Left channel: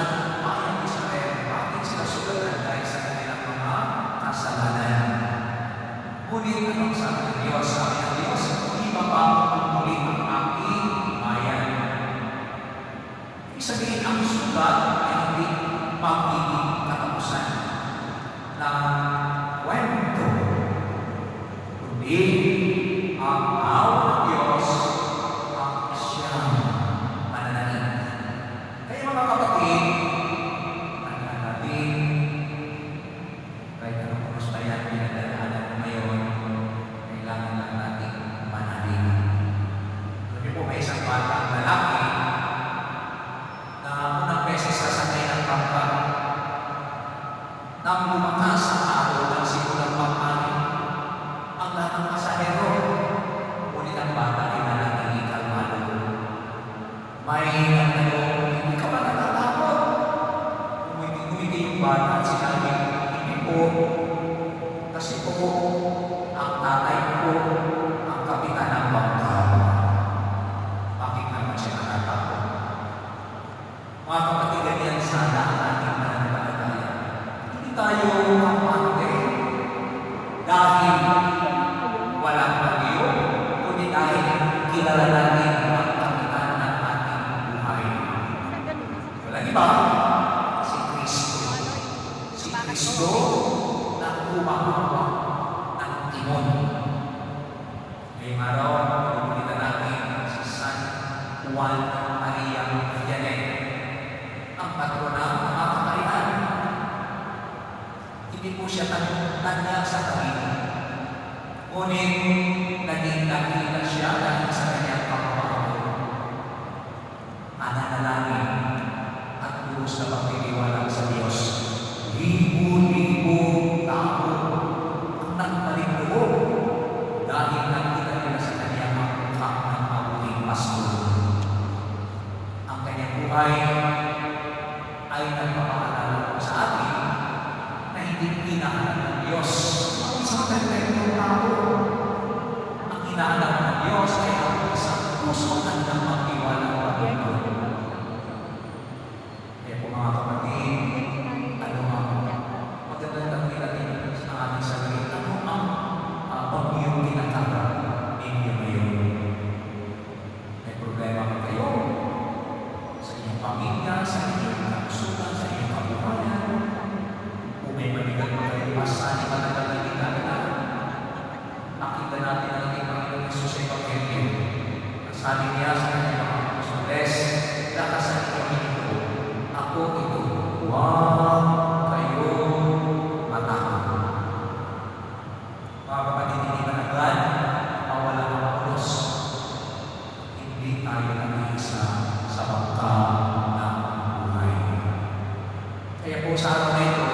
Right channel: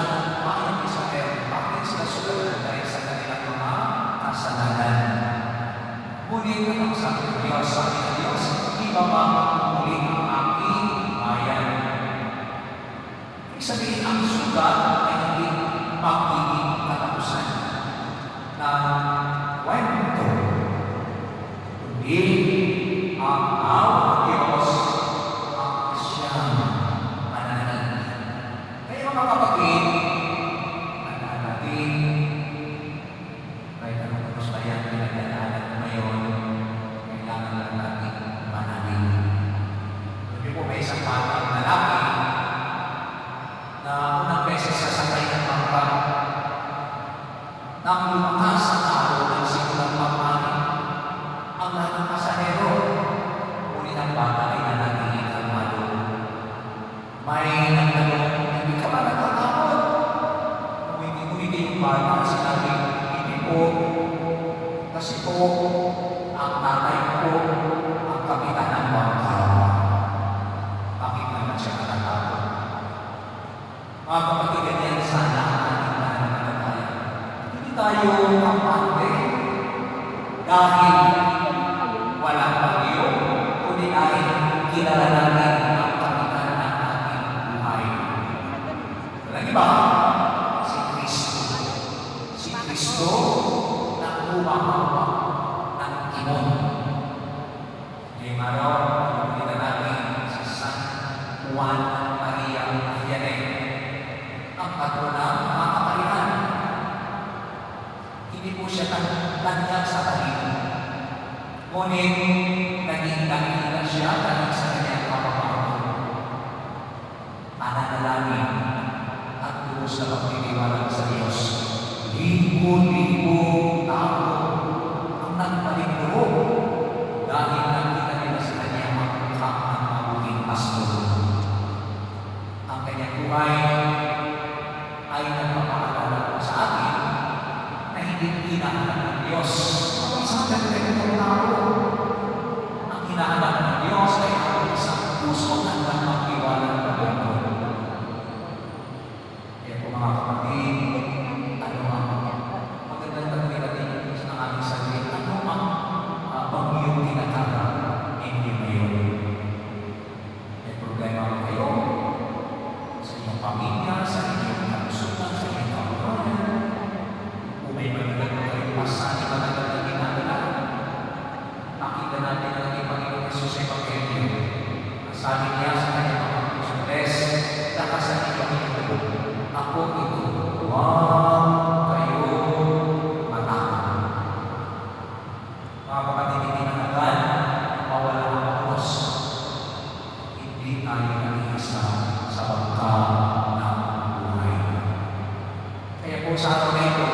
kalusugan ng bayang Israel. Bakit sila sulat dahil sa kanilang mga kasalanan? Ngunit ang sabi ng Diyos, ibabago muli ang aking bayan. Ibig sabihin, ang sugat ay hindi magiging katapusan ng kwento. Kundi ang awa ng Diyos ang siyang nananalig. Kaya mga kapatid, nananalig, kahit ang kagustayan na nananalig ngayon, kailangan lang natin manalig. Doon po may isang batang lalaki na unang beses sasakay ng bangka nang lumakas ang araw ng simulang pag-anin ang lahat ng pasahero. Ngunit ang bata ay nanatiling kalmado. May nagtanong, hindi ka ba natatakot? Umiti yung bata at sinabi, hindi po. Kasi po, ang tatay ko ang kapitan ng bangka. Bakit naman siya natatakot? Mga kapatid, ganyan sana ang ating nananampalataya. Hindi tayo kapante dahil wala bagyo, kundi dahil kilala natin ang kapitan ng ating buhay. Walang iba, si Kristo. Si Kristo na humahawak ng timon. Ngayong araw, pupunta natin si San Juan Maria Vianney, ang patrona ng mga kamarihan. Hindi po siya tanyag sa kanila. Ngunit, naging nakita siya dahil sa kanyang pamamagitan. Nananalangin at lubos na pagtitiwala sa Diyos. Libo-libong tao ang nagpalinloob dahil nakita nila sa kanyang mukha ng mabuting pastor. Ang kanyang buhay ay nagpapakaalala sa atin na hindi hinahanap ng Diyos kung isang perfecto tao. Ang hinahanap ng Diyos ay ang isang puso na nagpapaktiwala ng mundo. Kaya po mga kapatid, magandang natin sa aming sarili. Ano ang bagyong tinatawag ninyo ngayon? May problema ba kayo? Sa inyong pamilya, sa inyong kalusugan, sa inyong kabuhayan? Kung may mabigat na kayo, masasabi ba na natin natin? Makita natin ang ating Panginoon Jesus sa Evangelyo. Sabi niya sa kanyang mga Apostles, lakasan niyo kami ito. Ako ito. Huwag kayo matakot. Mga kapatid, hindi na agad mawala ang Diyos. Hindi tayo nag-iisa sa bangka ng buhay. Kaya po sa araw na ito,